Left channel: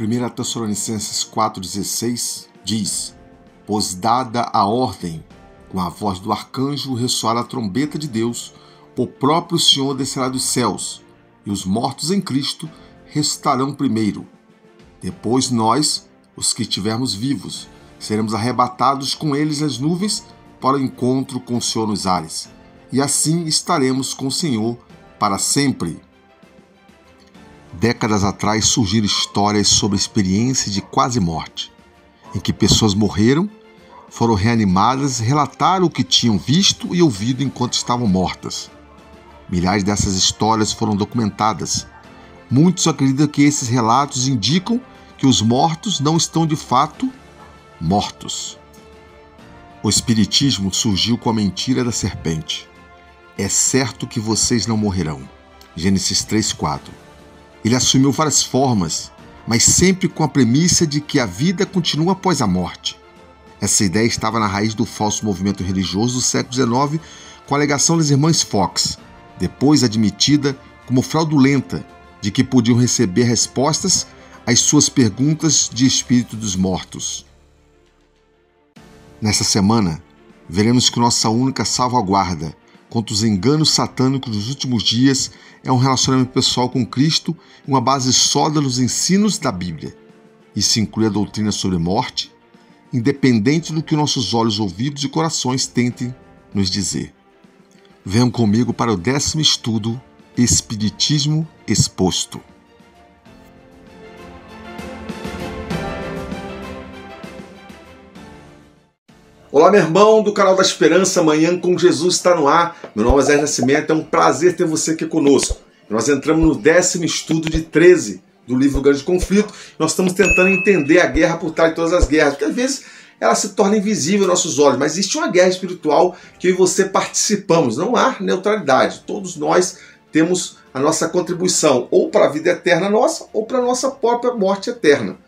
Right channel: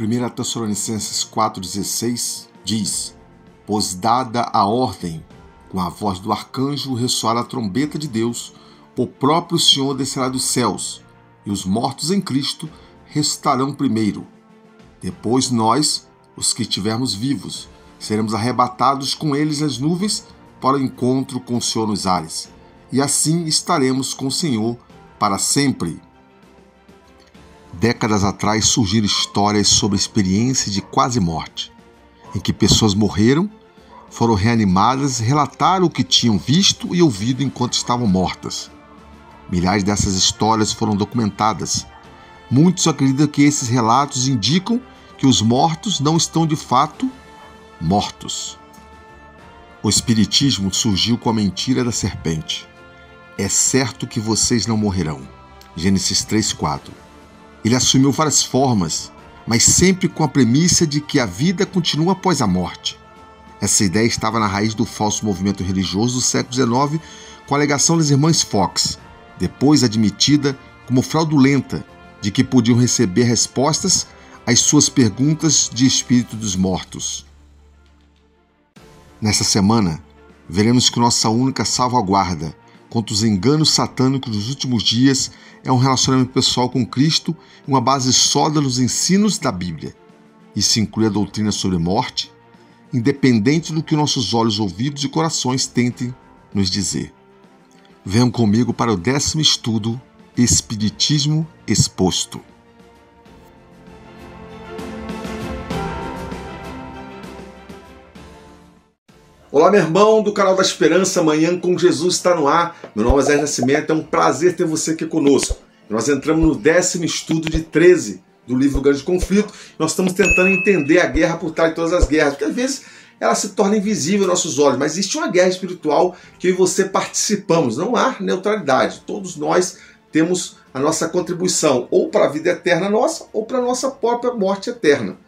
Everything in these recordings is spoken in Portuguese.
1 Tessalonicenses 4,16 diz: Pois dada a ordem, com a voz do arcanjo ressoar a trombeta de Deus, o próprio Senhor descerá dos céus, e os mortos em Cristo ressuscitarão primeiro. Depois nós, os que estivermos vivos, seremos arrebatados com eles nas nuvens para o encontro com o Senhor nos ares, e assim estaremos com o Senhor para sempre. Décadas atrás surgiram histórias sobre experiências de quase morte, em que pessoas morreram, foram reanimadas e relataram o que tinham visto e ouvido enquanto estavam mortas. Milhares dessas histórias foram documentadas. Muitos acreditam que esses relatos indicam que os mortos não estão de fato mortos. O Espiritismo surgiu com a mentira da serpente. É certo que vocês não morrerão. Gênesis 3:4. Ele assumiu várias formas, mas sempre com a premissa de que a vida continua após a morte. Essa ideia estava na raiz do falso movimento religioso do século XIX, com a alegação das irmãs Fox, depois admitida como fraudulenta, de que podiam receber respostas às suas perguntas de espírito dos mortos. Nessa semana, veremos que nossa única salvaguarda contra os enganos satânicos dos últimos dias é um relacionamento pessoal com Cristo e uma base sólida nos ensinos da Bíblia. Isso inclui a doutrina sobre morte, independente do que nossos olhos, ouvidos e corações tentem nos dizer. Venham comigo para o 10º estudo, Espiritismo Exposto. Olá, meu irmão do canal da Esperança, Manhã com Jesus está no ar. Meu nome é Zé Nascimento, é um prazer ter você aqui conosco. Nós entramos no 10º estudo de 13 do livro Grande Conflito. Nós estamos tentando entender a guerra por trás de todas as guerras, porque às vezes ela se torna invisível aos nossos olhos, mas existe uma guerra espiritual que eu e você participamos. Não há neutralidade, todos nós temos a nossa contribuição, ou para a vida eterna nossa, ou para a nossa própria morte eterna.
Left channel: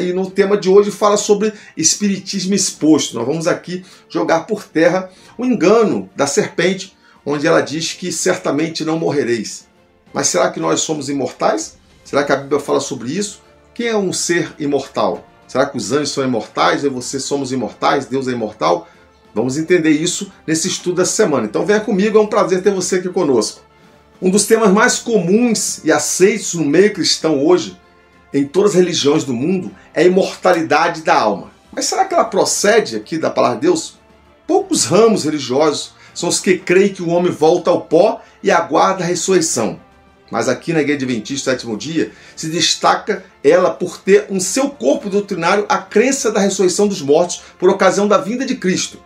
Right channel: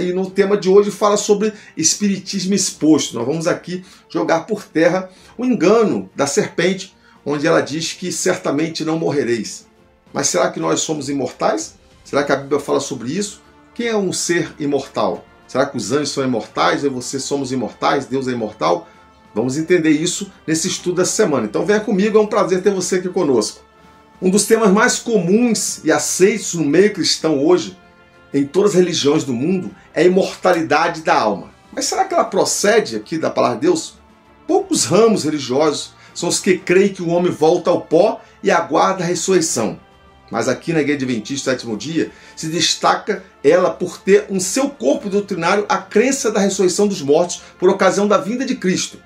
E no tema de hoje fala sobre espiritismo exposto. Nós vamos aqui jogar por terra o engano da serpente, onde ela diz que certamente não morrereis. Mas será que nós somos imortais? Será que a Bíblia fala sobre isso? Quem é um ser imortal? Será que os anjos são imortais? Eu e você somos imortais? Deus é imortal? Vamos entender isso nesse estudo dessa semana. Então venha comigo, é um prazer ter você aqui conosco. Um dos temas mais comuns e aceitos no meio cristão hoje, em todas as religiões do mundo, é a imortalidade da alma. Mas será que ela procede aqui da palavra de Deus? Poucos ramos religiosos são os que creem que o homem volta ao pó e aguarda a ressurreição. Mas aqui na Igreja Adventista do Sétimo Dia se destaca ela por ter em seu corpo doutrinário a crença da ressurreição dos mortos por ocasião da vinda de Cristo,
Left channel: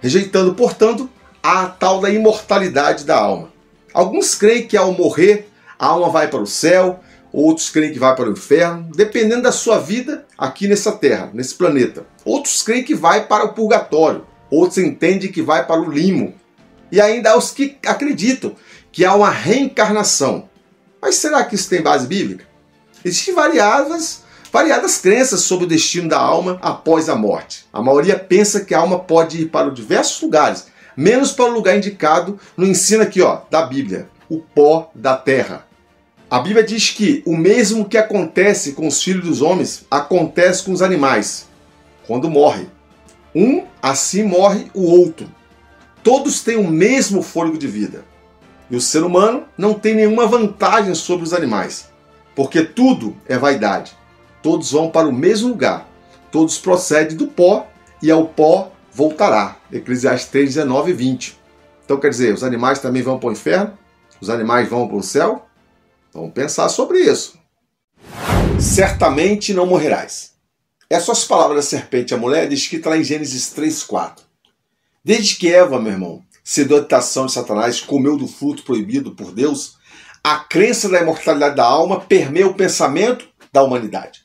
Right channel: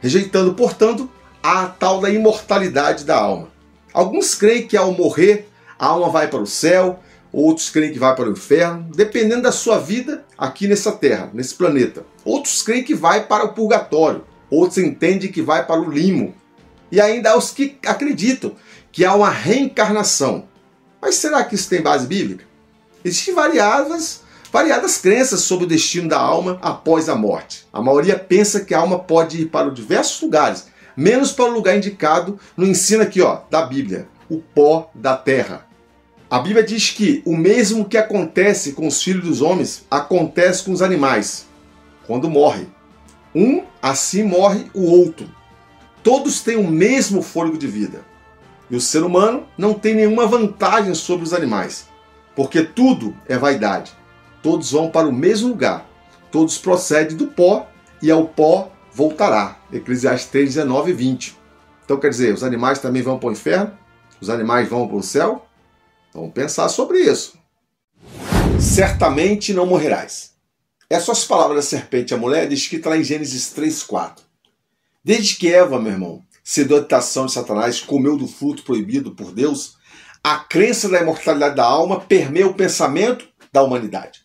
rejeitando, portanto, a tal da imortalidade da alma. Alguns creem que ao morrer a alma vai para o céu, outros creem que vai para o inferno, dependendo da sua vida aqui nessa terra, nesse planeta. Outros creem que vai para o purgatório, outros entendem que vai para o limo. E ainda há os que acreditam que há uma reencarnação. Mas será que isso tem base bíblica? Existem variadas crenças sobre o destino da alma após a morte. A maioria pensa que a alma pode ir para diversos lugares, menos para o lugar indicado no ensino aqui, da Bíblia, o pó da terra. A Bíblia diz que o mesmo que acontece com os filhos dos homens, acontece com os animais. Quando morre, um assim morre o outro. Todos têm o mesmo fôlego de vida. E o ser humano não tem nenhuma vantagem sobre os animais, porque tudo é vaidade. Todos vão para o mesmo lugar. Todos procedem do pó e ao pó voltará. Eclesiastes 3, 19 e 20. Então quer dizer, os animais também vão para o inferno? Os animais vão para o céu? Vamos pensar sobre isso. Certamente não morrerás. Essas as palavras da serpente à mulher, descrita lá em Gênesis 3:4. Desde que Eva, meu irmão, cedeu à tentação de Satanás, comeu do fruto proibido por Deus, a crença da imortalidade da alma permeia o pensamento da humanidade.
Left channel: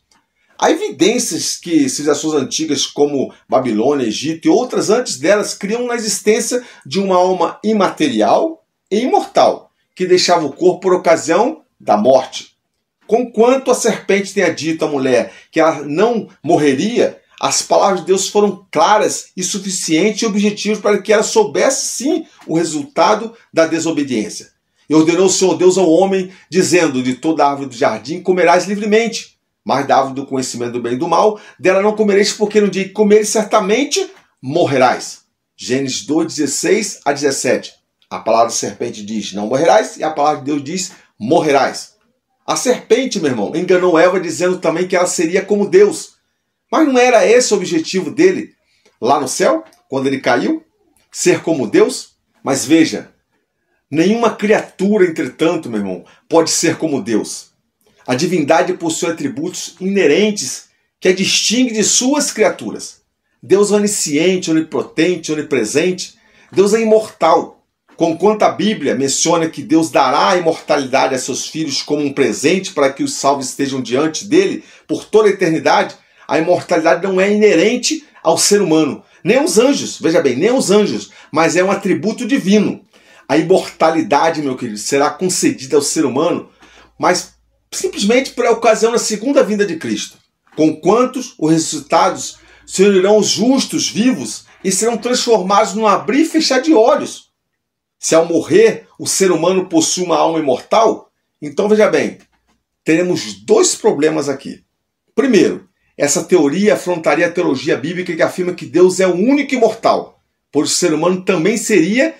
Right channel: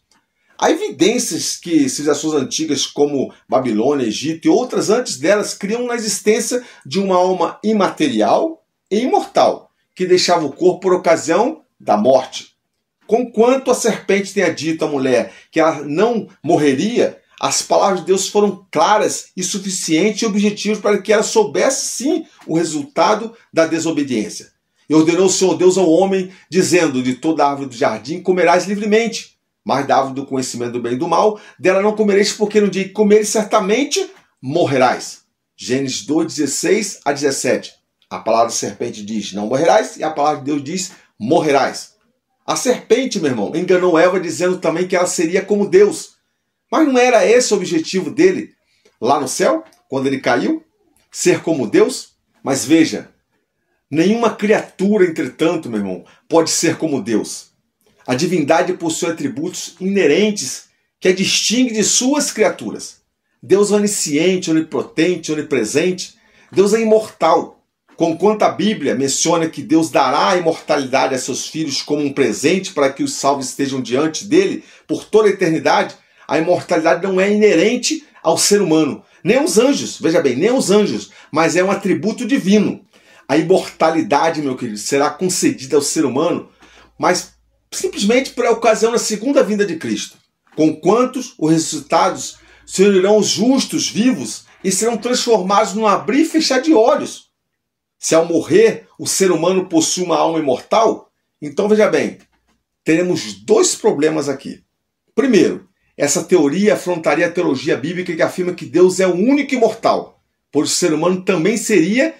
Há evidências que civilizações antigas como Babilônia, Egito e outras antes delas criam na existência de uma alma imaterial e imortal, que deixava o corpo por ocasião da morte. Conquanto a serpente tenha dito à mulher que ela não morreria, as palavras de Deus foram claras e suficientes e objetivas para que ela soubesse sim o resultado da desobediência. E ordenou o Senhor Deus ao homem, dizendo: de toda árvore do jardim comerás livremente, mas da árvore do conhecimento do bem e do mal, dela não comereis, porque no dia que comeres, certamente morrerás. Gênesis 2, 16 a 17. A palavra da serpente diz, não morrerás, e a palavra de Deus diz, morrerás. A serpente, meu irmão, enganou Eva dizendo também que ela seria como Deus. Mas não era esse o objetivo dele lá no céu, quando ele caiu? Ser como Deus? Mas veja, nenhuma criatura, entretanto, meu irmão, pode ser como Deus. A divindade possui atributos inerentes que a distingue de suas criaturas. Deus é onisciente, onipotente, onipresente. Deus é imortal. Conquanto a Bíblia menciona que Deus dará a imortalidade a seus filhos como um presente para que os salvos estejam diante dele por toda a eternidade, a imortalidade não é inerente ao ser humano. Nem aos anjos, veja bem, nem aos anjos, mas é um atributo divino. A imortalidade, meu querido, será concedida ao ser humano, mas simplesmente por ocasião da segunda vinda de Cristo. Conquanto os ressuscitados se unirão os justos vivos e serão transformados num abrir e fechar de olhos. Se ao morrer o ser humano possui uma alma imortal, então veja bem, teremos dois problemas aqui. Primeiro, essa teoria afrontaria a teologia bíblica que afirma que Deus é o único imortal, pois o ser humano também seria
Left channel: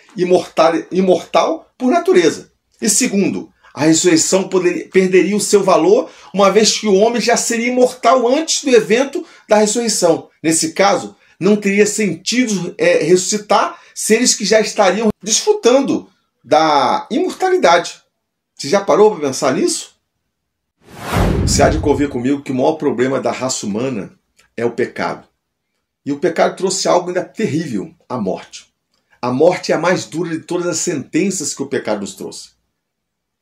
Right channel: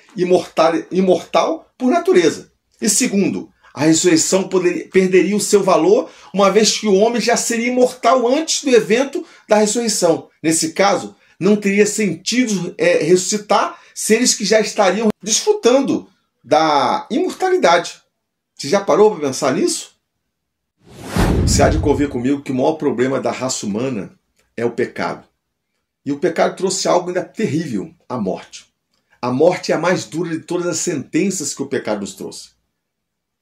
imortal por natureza. E segundo, a ressurreição perderia o seu valor, uma vez que o homem já seria imortal antes do evento da ressurreição. Nesse caso, não teria sentido ressuscitar seres que já estariam desfrutando da imortalidade. Você já parou para pensar nisso? Você há de convir comigo que o maior problema da raça humana é o pecado. E o pecado trouxe algo ainda terrível, a morte. A morte é a mais dura de todas as sentenças que o pecado nos trouxe.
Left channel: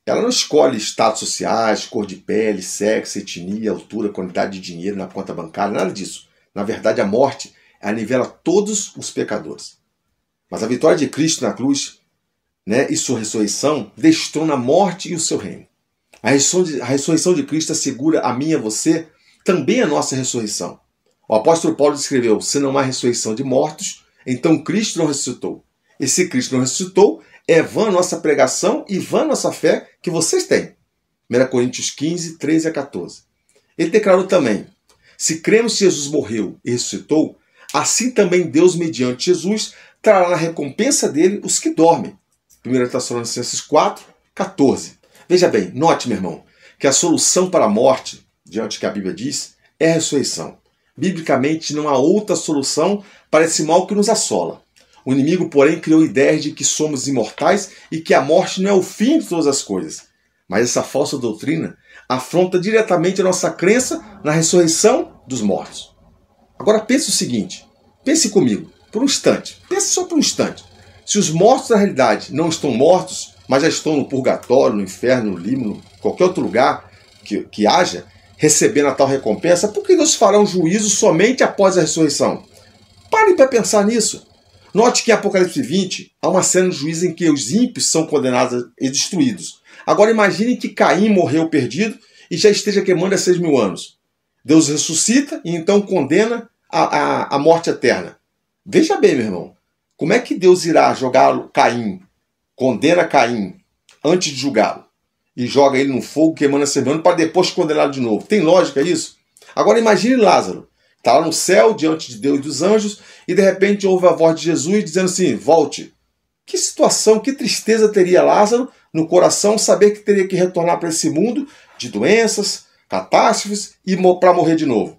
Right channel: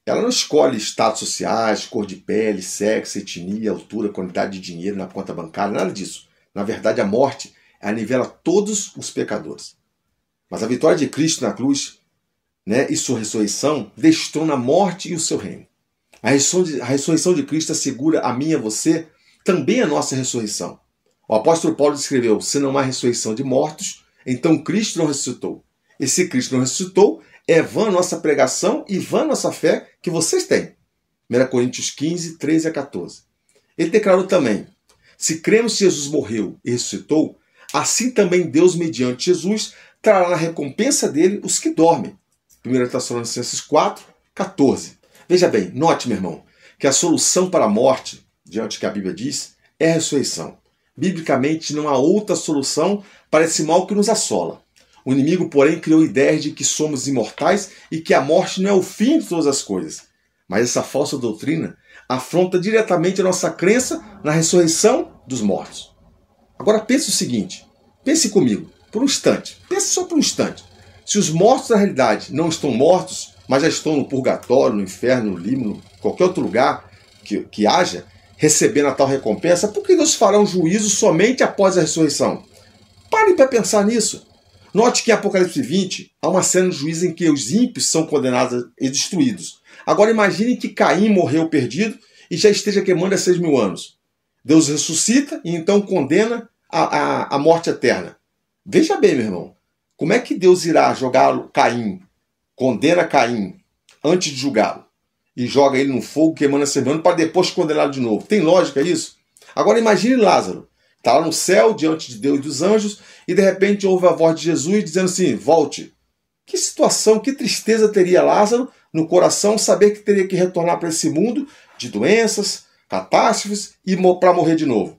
Ela não escolhe status sociais, cor de pele, sexo, etnia, altura, quantidade de dinheiro na conta bancária, nada disso. Na verdade, a morte anivela todos os pecadores. Mas a vitória de Cristo na cruz, e sua ressurreição destrona a morte e o seu reino. A ressurreição de Cristo assegura a mim e a você também a nossa ressurreição. O apóstolo Paulo escreveu, se não há ressurreição de mortos, então Cristo não ressuscitou. E se Cristo não ressuscitou, é vã a nossa pregação e vã a nossa fé que vocês têm. 1 Coríntios 15, 13 a 14. Ele declarou também, se cremos que Jesus morreu e ressuscitou, assim também Deus, mediante Jesus, trará na recompensa dele os que dormem. 1 Tessalonicenses 4, 14. Veja bem, note, meu irmão, que a solução para a morte, diante do que a Bíblia diz, é a ressurreição. Biblicamente, não há outra solução para esse mal que nos assola. O inimigo, porém, criou ideias de que somos imortais e que a morte não é o fim de todas as coisas. Mas essa falsa doutrina afronta diretamente a nossa crença na ressurreição dos mortos. Agora pense o seguinte, pense comigo, por um instante, pense só por um instante. Se os mortos na realidade não estão mortos, mas já estão no purgatório, no inferno, no limbo, qualquer outro lugar que haja, recebendo a tal recompensa, por que Deus fará um juízo somente após a ressurreição? Pare para pensar nisso. Note que em Apocalipse 20 há uma cena de juízo em que os ímpios são condenados e destruídos. Agora imagine que Caim morreu perdido e já esteja queimando há 6.000 anos. Deus ressuscita e então condena a morte eterna. Veja bem, meu irmão, como é que Deus irá jogar Caim, condena Caim antes de julgá-lo e joga ele no fogo queimando a 6.000 anos para depois condená-lo de novo? Tem lógica isso? Agora imagine Lázaro. Está lá no céu, diante de Deus e dos anjos, e de repente ouve a voz de Jesus dizendo assim, volte. Que situação, que tristeza teria Lázaro no coração saber que teria que retornar para esse mundo de doenças, catástrofes e para morrer de novo.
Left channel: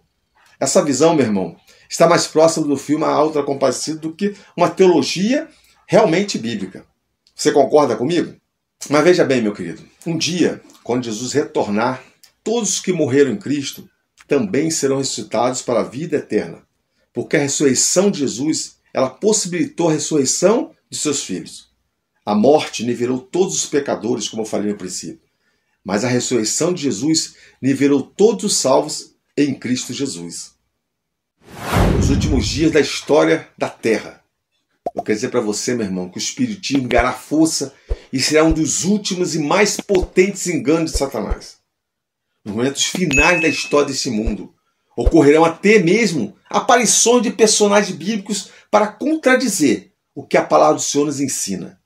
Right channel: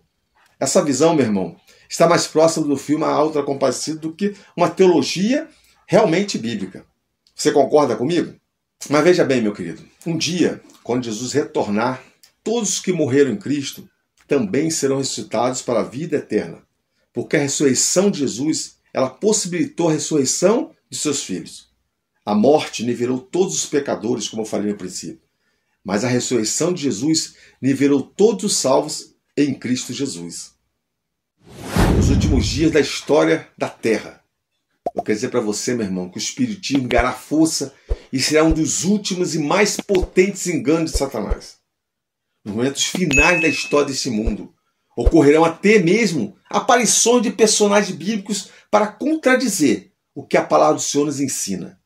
Essa visão, meu irmão, está mais próxima do filme A Alta Compadecida do que uma teologia realmente bíblica. Você concorda comigo? Mas veja bem, meu querido, um dia, quando Jesus retornar, todos os que morreram em Cristo também serão ressuscitados para a vida eterna, porque a ressurreição de Jesus, ela possibilitou a ressurreição de seus filhos. A morte nivelou todos os pecadores, como eu falei no princípio, mas a ressurreição de Jesus nivelou todos os salvos em Cristo Jesus. Nos últimos dias da história da Terra, eu quero dizer para você, meu irmão, que o Espiritismo ganhará força e será um dos últimos e mais potentes enganos de Satanás. Nos momentos finais da história desse mundo, ocorrerão até mesmo aparições de personagens bíblicos para contradizer o que a palavra do Senhor nos ensina.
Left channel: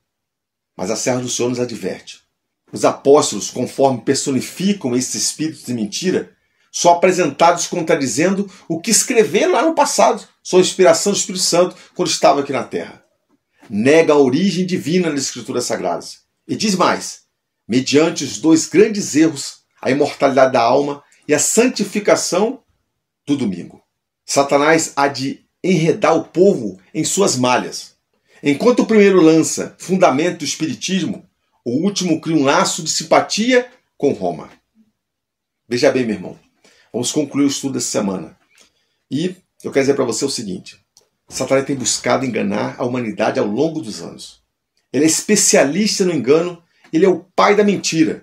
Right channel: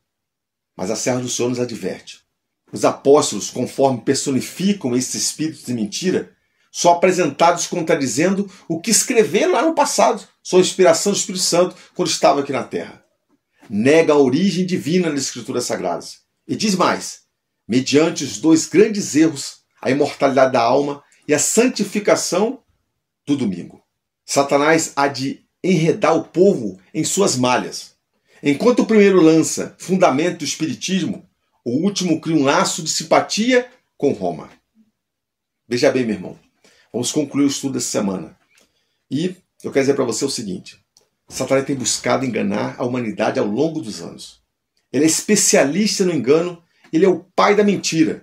Mas a serva do Senhor nos adverte. Os apóstolos, conforme personificam esses espíritos de mentira, são apresentados contradizendo o que escreveram lá no passado, sob inspiração do Espírito Santo, quando estava aqui na Terra. Nega a origem divina das Escrituras Sagradas. E diz mais, mediante os dois grandes erros, a imortalidade da alma e a santificação do domingo. Satanás há de enredar o povo em suas malhas. Enquanto o primeiro lança fundamento do espiritismo, o último cria um laço de simpatia com Roma. Veja bem, meu irmão, vamos concluir o estudo dessa semana. E eu quero dizer para você o seguinte, Satanás tem buscado enganar a humanidade ao longo dos anos. Ele é especialista no engano, ele é o pai da mentira.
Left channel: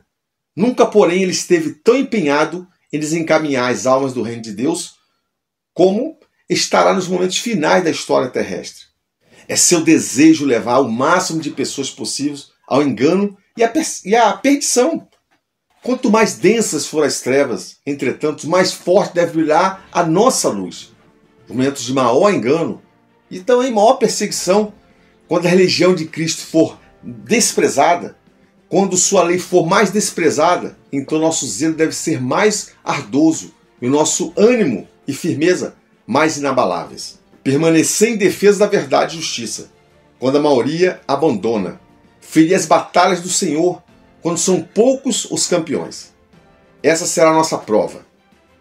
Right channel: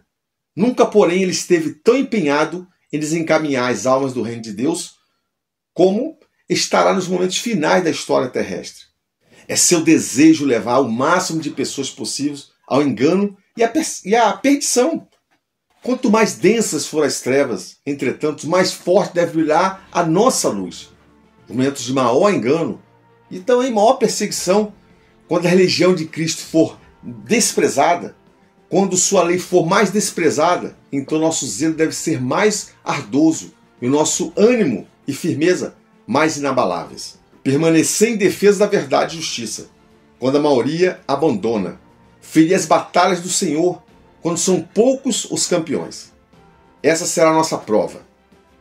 Nunca, porém, ele esteve tão empenhado em desencaminhar as almas do reino de Deus como estará nos momentos finais da história terrestre. É seu desejo levar o máximo de pessoas possíveis ao engano e à perdição. Quanto mais densas forem as trevas, entretanto, mais forte deve brilhar a nossa luz. Nos momentos de maior engano e também maior perseguição, quando a religião de Cristo for desprezada, quando sua lei for mais desprezada, então nosso zelo deve ser mais ardoso e o nosso ânimo e firmeza mais inabaláveis. Permanecer em defesa da verdade e justiça, quando a maioria abandona. Ferir as batalhas do Senhor, quando são poucos os campeões. Essa será a nossa prova.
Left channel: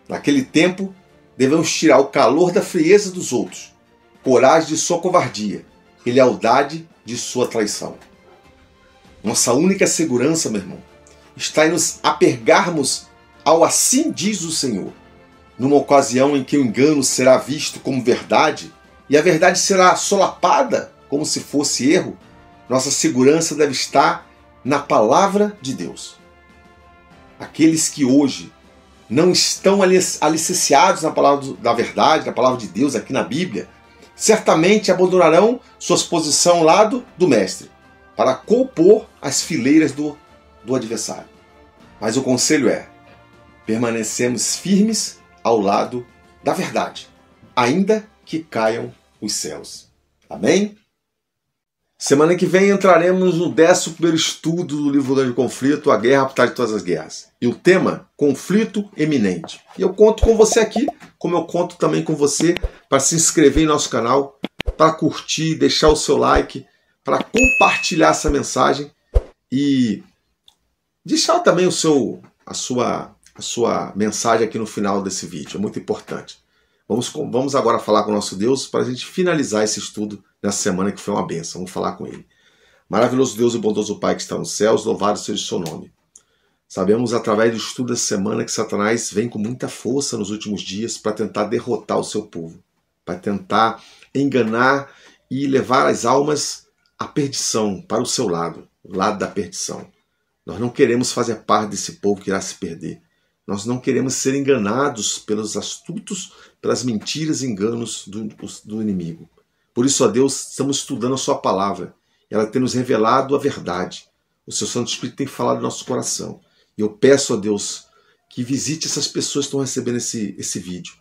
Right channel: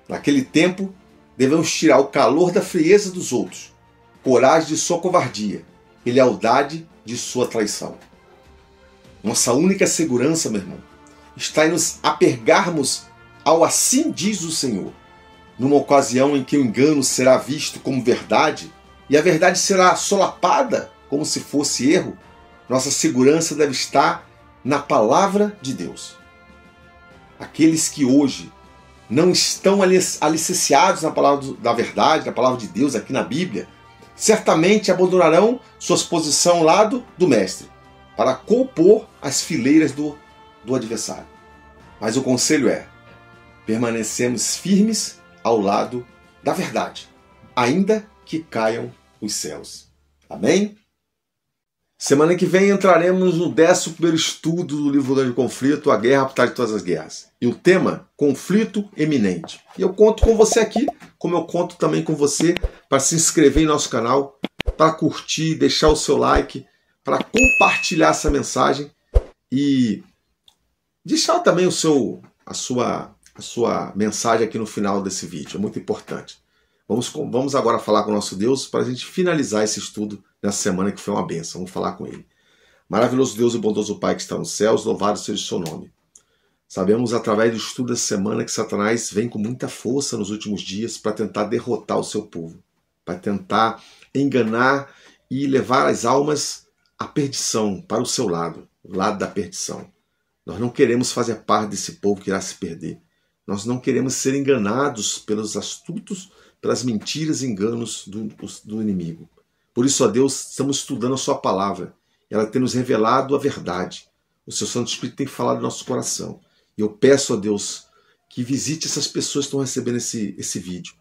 Naquele tempo, devemos tirar o calor da frieza dos outros, coragem de sua covardia e lealdade de sua traição. Nossa única segurança, meu irmão, está em nos apegarmos ao assim diz o Senhor. Numa ocasião em que o engano será visto como verdade e a verdade será solapada como se fosse erro, nossa segurança deve estar na palavra de Deus. Aqueles que hoje não estão alicerciados na palavra da verdade, na palavra de Deus aqui na Bíblia, certamente abandonarão suas posições ao lado do Mestre, para compor as fileiras do adversário. Mas o conselho é, permanecemos firmes ao lado da verdade, ainda que caiam os céus. Amém? Semana que vem entraremos no 11º estudo do livro Grande Conflito, A Guerra por Trás de Todas as Guerras. E o tema, conflito eminente. E eu conto com você aqui, como eu conto também com você, para se inscrever em nosso canal, para curtir, deixar o seu like, para compartilhar essa mensagem e deixar também a sua mensagem aqui no final desse vídeo. É muito importante. Vamos agora falar com o nosso Deus para a gente finalizar esse estudo nessa semana que foi uma bênção. Vamos falar com Ele. Maravilhoso Deus e bondoso Pai que está nos céus, louvado seja o seu nome. Sabemos através do estudo dessa semana que Satanás vem com muita força nos últimos dias para tentar derrotar o seu povo, para tentar enganar e levar as almas à perdição, para o seu lado, o lado da perdição. Nós não queremos fazer parte desse povo que irá se perder. Nós não queremos ser enganados pelos astutos, pelas mentiras e enganos do inimigo. Por isso, ó Deus, estamos estudando a sua palavra. Ela tem nos revelado a verdade. O seu Santo Espírito tem falado no nosso coração. E eu peço a Deus que visite essas pessoas que estão recebendo esse vídeo.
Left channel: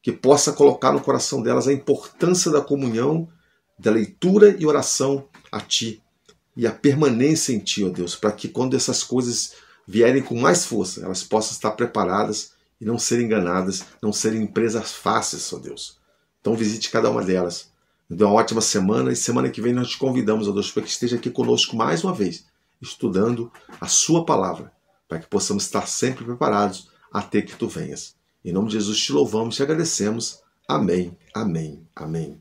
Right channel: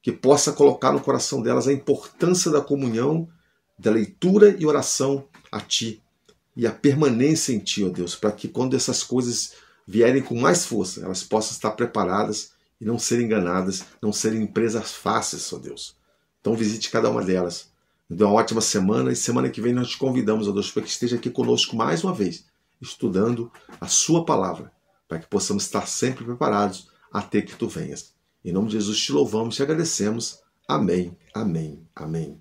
Que possa colocar no coração delas a importância da comunhão, da leitura e oração a Ti. E a permanência em Ti, ó Deus, para que quando essas coisas vierem com mais força, elas possam estar preparadas e não serem enganadas, não serem presas fáceis, ó Deus. Então visite cada uma delas. Nos dê uma ótima semana e semana que vem nós te convidamos, ó Deus, para que esteja aqui conosco mais uma vez, estudando a sua palavra, para que possamos estar sempre preparados até que Tu venhas. Em nome de Jesus te louvamos e te agradecemos. Amém, amém, amém.